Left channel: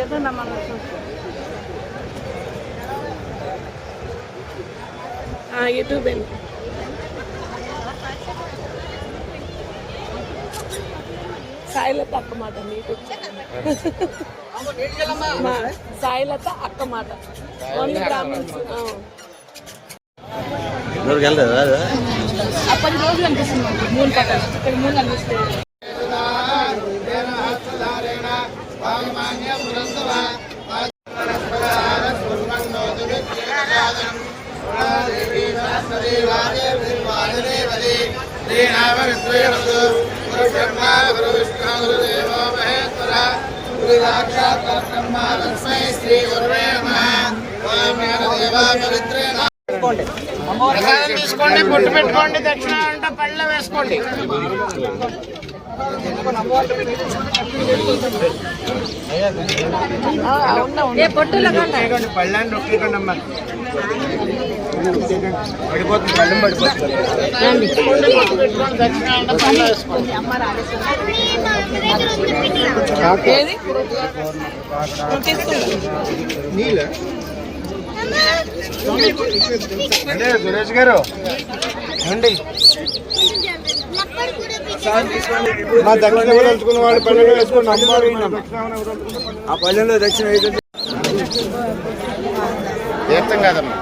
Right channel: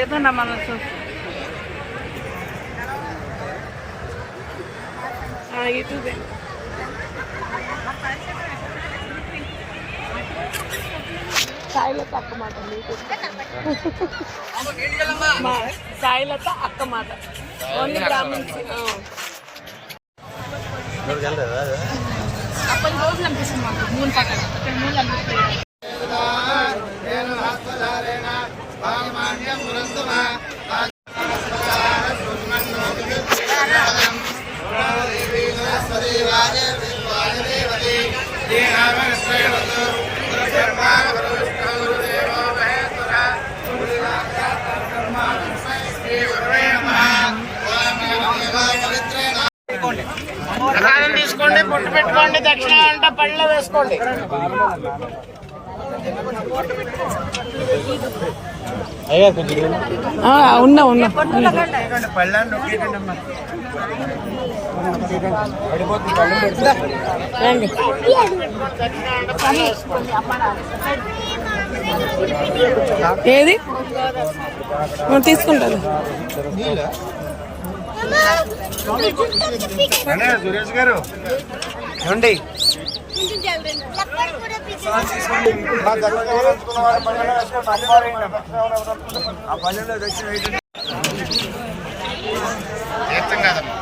ఏదన్నా మనం చూస్తాం యూట్యూబ్ సాయిలత అక్క మాట మీకు మా సాయిలత అక్క మాట ఓన్లీ బ్రాహ్మణ్స్ ఆ. ఊరికి వెళ్ళలేదా అది? ఆ పది రోజులు అనిపిస్తుంది మాకు మూడు పక్కన ఇక్కడ మూడు అనిపిస్తుంది గుడ్డు పెట్టుకోండి దక్షిణ అంటే పళ్ళలో వేసుకోండి. ఉన్నా ఉన్నా. పళ్ళని అమ్మా దక్షిణ అంటే వేసుకోండి గారు. ఏమండి? నా దక్షిణ కూడా ఉంచుకున్న వాళ్ళు వేసుకోండి అమ్మవారు ఆ పల్లెల్లో దక్షిణ వేయకండి కాదమ్మా?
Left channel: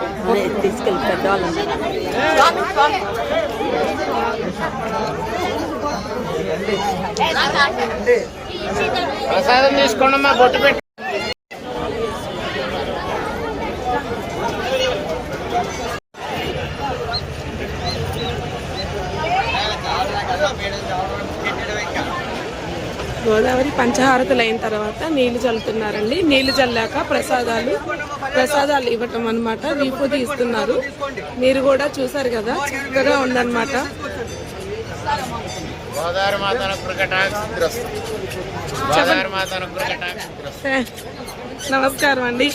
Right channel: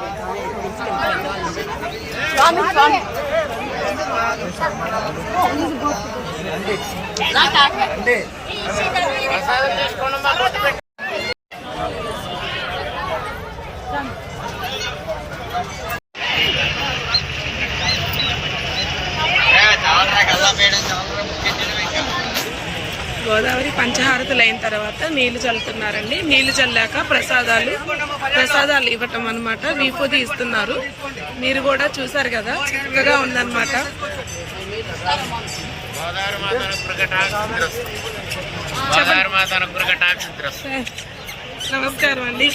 ప్రసాదం తీసుకోండి అమ్మా బొట్టు పెట్టి. గోదావరి పంచహారతులు అయిన తర్వాత నీళ్ళు చల్లుతున్నారండి. నీళ్ళు చల్లాక ప్రసాదాలు ప్రసాదాలు ఇవ్వటం అన్నమాట విభూతి ఇస్తున్నారు. మీరు కూడా చూసారు కదా చక్కగా ఉందన్నమాట. నమస్కారం అండి.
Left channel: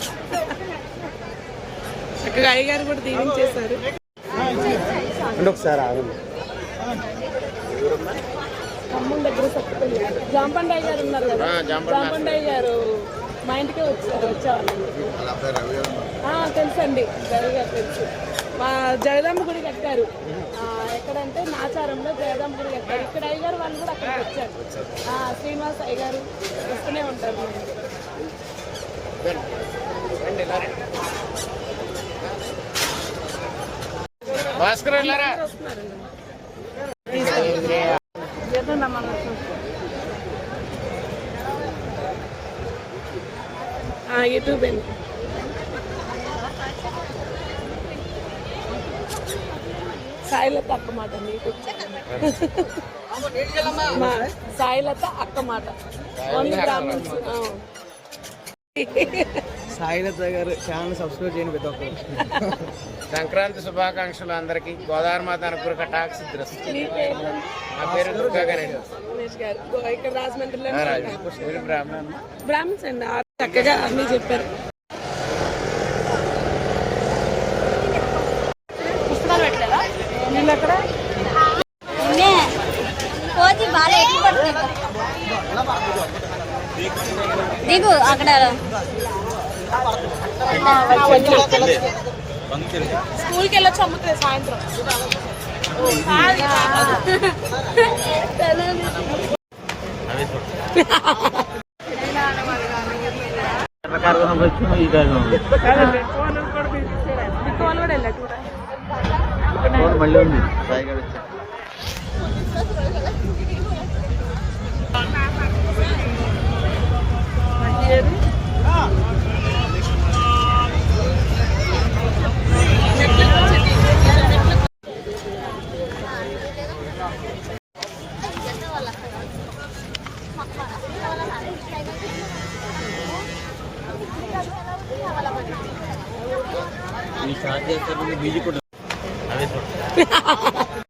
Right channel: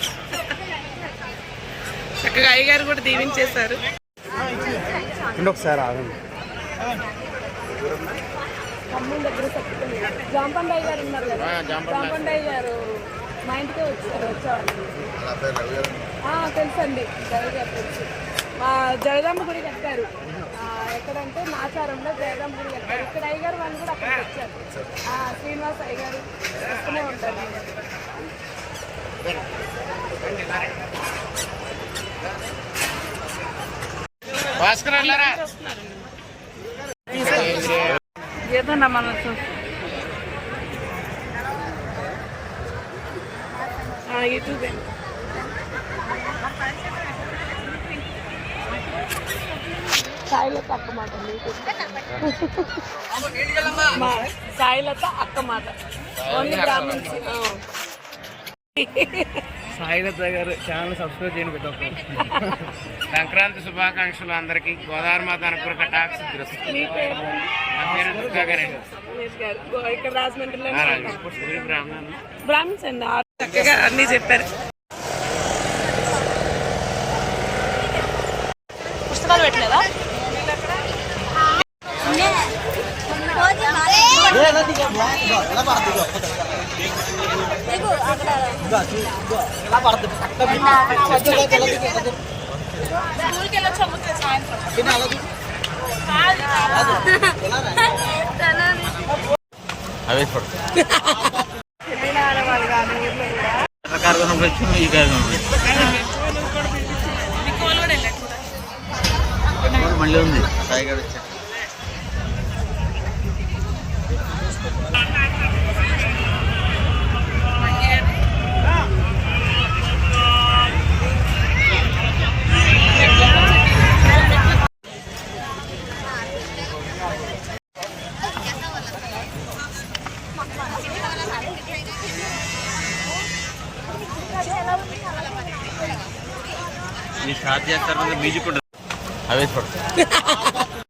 చక్కగా అయ్యగారు కూడా దీవించేశారు. ఖమ్మం దగ్గర సత్తుపల్లి. జాంపండయ్య గారు ఉన్నారు కదా. జాంపండయ్య గారు మా ఇంటికే వచ్చారు వచ్చేవాళ్ళండి తెలుసండి. రవి గారు తెలుసు. మా జగదాంబ గుడి కట్టారు. ఎక్కడంటే నాచారంలో జగదాంబ గుడి కట్టారు. ఇక్కడ అయ్యగారు వాళ్ళు కూడా అక్కడికి వచ్చారు. శ్రీనివాస్ అయ్య గారు వస్తూనే ఉంటారు. భాస్కర్ వెళ్ళారా ఏదన్నా మనం యూట్యూబ్ సాయిలత అక్క మాట మీకు సాయిలత అక్క మాట. ఓన్లీ బ్రాహ్మణ్స్ ఆ. సాయిలత గారు ఛానల్ సబ్స్క్రైబ్ చేయండి ప్రతి ఒక్కరు సంక్రాంతి శుభాకాంక్షలు అందరికి గోదావరి మాత బ్రాహ్మణ్స్ అండి ఆ చక్కగా అన్ని చెప్పారు పుస్తకాలు పెట్టలేదా నేను దిగు అక్కడ స్కూల్కి వెళ్ళొచ్చు అమ్ముతుంది సాయంత్రం అవే చూడు. ఎర్ర కారు కొనవచ్చు ఈ కారు కొనవచ్చు మీకు వాళ్ళు కూడా వెళ్ళారు కూడా ఇక్కడ మళ్ళీ ఉంది సాయి గారు వచ్చారు ఈ స్టార్ట్ చేస్తారు బీజీ కూడా అవే